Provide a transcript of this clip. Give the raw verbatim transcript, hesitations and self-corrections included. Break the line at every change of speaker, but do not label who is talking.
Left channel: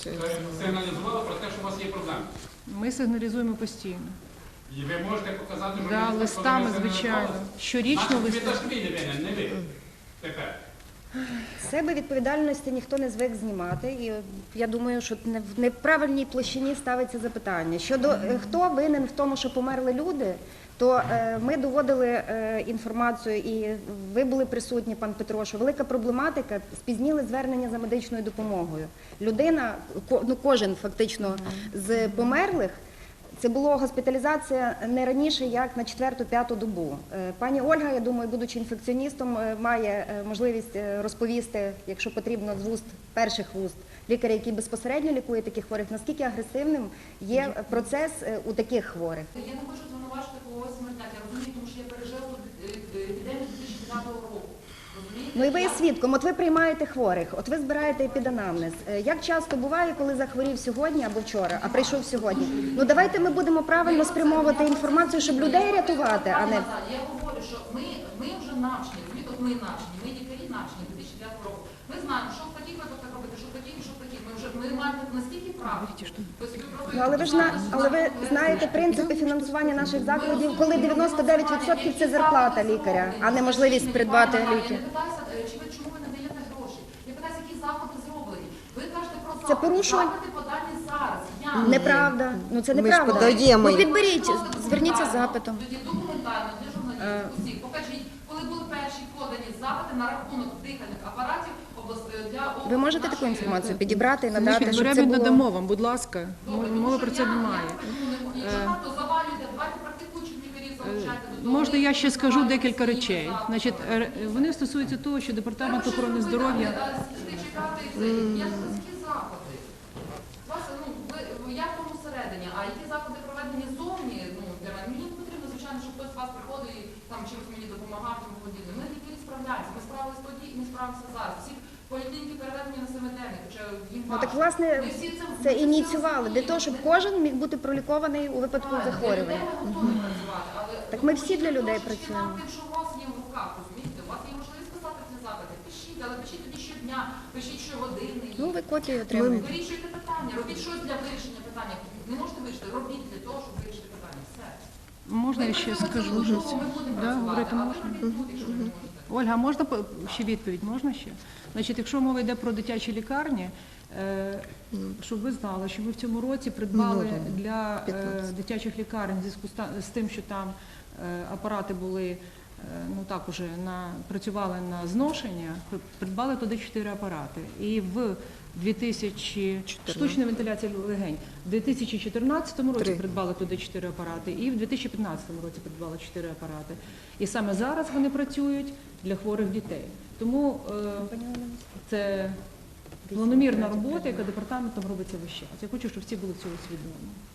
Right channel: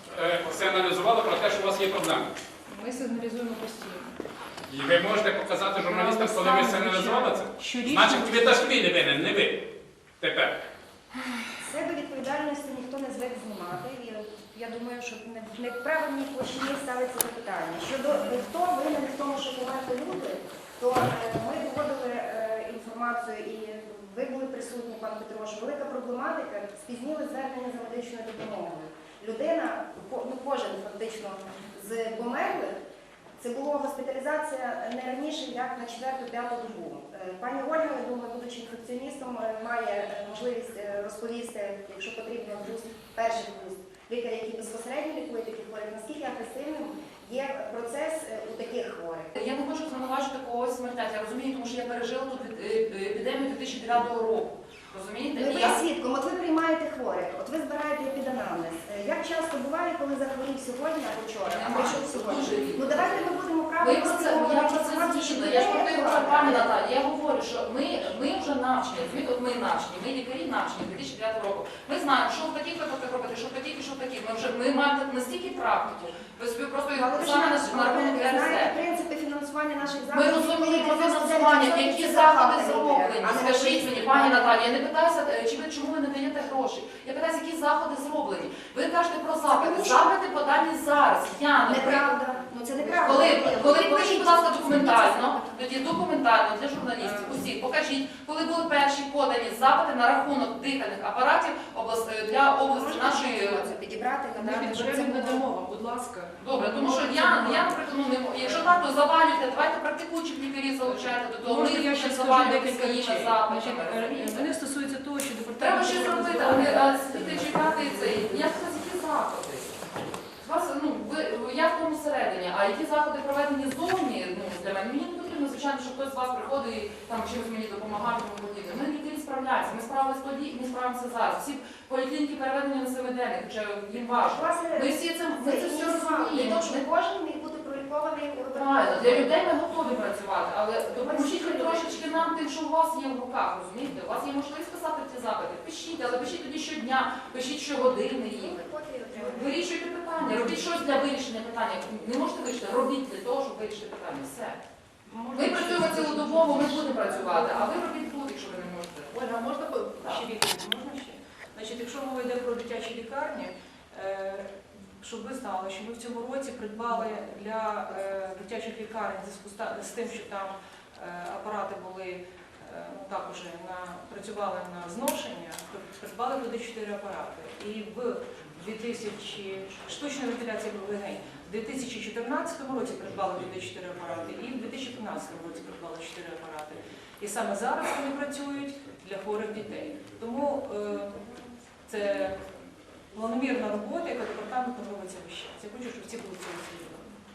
сигналізували про те, що у вас є проблеми?
Ми сигналізуємо постійно.
І ви можете показати журналістам, коли ми сигналізували це? Значить, ви Дашвілі винен, не ви. Тепер.
З себе відповідальності ніхто не звик знімати. І я думаю, що не в неправильній площині ставиться запитання. Щодо хто винен в тому, що померли люди, то е, ми доводили е, інформацію, і ви були присутні, пан Петро, що велика проблематика – спізніли звернення за медичною допомогою. Людина, ну кожен фактично з померлих, це була госпіталізація не раніше, як на четверту-п'яту добу. Пані Ольга, я думаю, будучи інфекціоністом, має можливість розповісти, якщо потрібно, з вуст, перших вуст лікаря, який безпосередньо лікує таких хворих, наскільки агресивним є процес у таких хворих.
Я не можу звинувачити когось смертять, я розумію, тому що я пережила тут епідемію дві тисячі дев'ятого року.
Ну і ви є свідком, от ви приймаєте хворих, от ви збираєте епіданамнез. Як часто буває, коли захворів сьогодні або вчора, а прийшов сьогодні? Ну давайте ми будемо правильно спрямовувати інформацію, щоб людей рятувати. А не...
Я говорю, що ми, ми вже навчені, от ми навчені, ми лікарі навчені дві тисячі дев'ятого року. Ми знаємо, що в таких випадках робити, що в таких і що в таких. Ми вже ми маємо настільки практику. Тобто ви просто
ну, але ви ж але ви знаєте принципи фінансування наших закладів, коли дев'яносто дев'ять відсотків це зарплата лікаря, а не можливість придбати ліки.
Я не питаюся, чи ви, чому ви не даєте гроші. Я питаюся, які заходи зроблені. Ви кажете про
Це
запити.
поміщено...
Запити подані зараз. Я
неправда. Ну це неправда.
Подаємо.
Ви підберіть, зверніться запитом.
Тоді документально для журналістів усіх. Покажіть, коли були перші подані запити на рахунок дихальних апаратів обласної для області.
Ви можете таку інформацію підібрати і надати, щоб це
було... надамо вам, будь ласка.
Добре, тому що я, я придумала, якщо так, то завалюйте, давайте практикуючих лікарів залучайте до того.
Можна я ще скажу декілька речей. Значить, вони стосуються того, що департамент охорони здоров'я...
Я хотів які заходи. Вас, ну, ви, я в тому всередині, а які заходи проведені зовні, ну, для мене, мені не потрібно, звичайно, щоб хтось з вас приходить і там чимось мені допомагає, тому подібне. Ми лікарі справляємося, ми справилися тоді, ми справимося зараз. Всі поліклініки переведені на семиденних, хоча їм
ну,
важко.
так, власне,
ми всі це,
це
ми це
ініціювали, для того, щоб кожен міг бути пролікований у випадку
захворювання. Для людей ми готові працювати, але
так ми всі для людей
трошечки
працюємо.
нам тим, що у вас є в руках, розумієте? У вас є можливість писати ці запити. Пишіть, але пишіть тоді щодня, пишіть щогодини.
Ну, ви копію отримуєте.
Вирішуйте питання, робіть щось для вирішення питання. Не можете вирішити, робіть для того, щоб вирішити питання. Все.
Можна
Ми
ще
працюємо
скажу?
цілодобово, ми будемо
Да,
працювати,
ви-
а ви робіть тут, якщо ви не можете.
Ольга, можна по- ще відповідь? Можна ще? Значить, якщо мова йде про дитячі лікарні, е, щоб ви знали, що ми в цьому році придбали для е, дитячих лікарень в зв'язку з та- з тим, що там е, апарати були, е, ну так уже на, працювали на зношення, придбали туди чотири апарати. І в дві тисячі штучна вентиляція легень. В дві тисячі чотирнадцятому році придбали туди чотири апарати, і в дві тисячі п'ятнадцятому році придбали чотири апарати. І саме зараз вони працюють для хворих дітей. Тому е, це планомірна робота, яка департаментом робиться весь час. Я хочу, щоб всі були цього свідомі.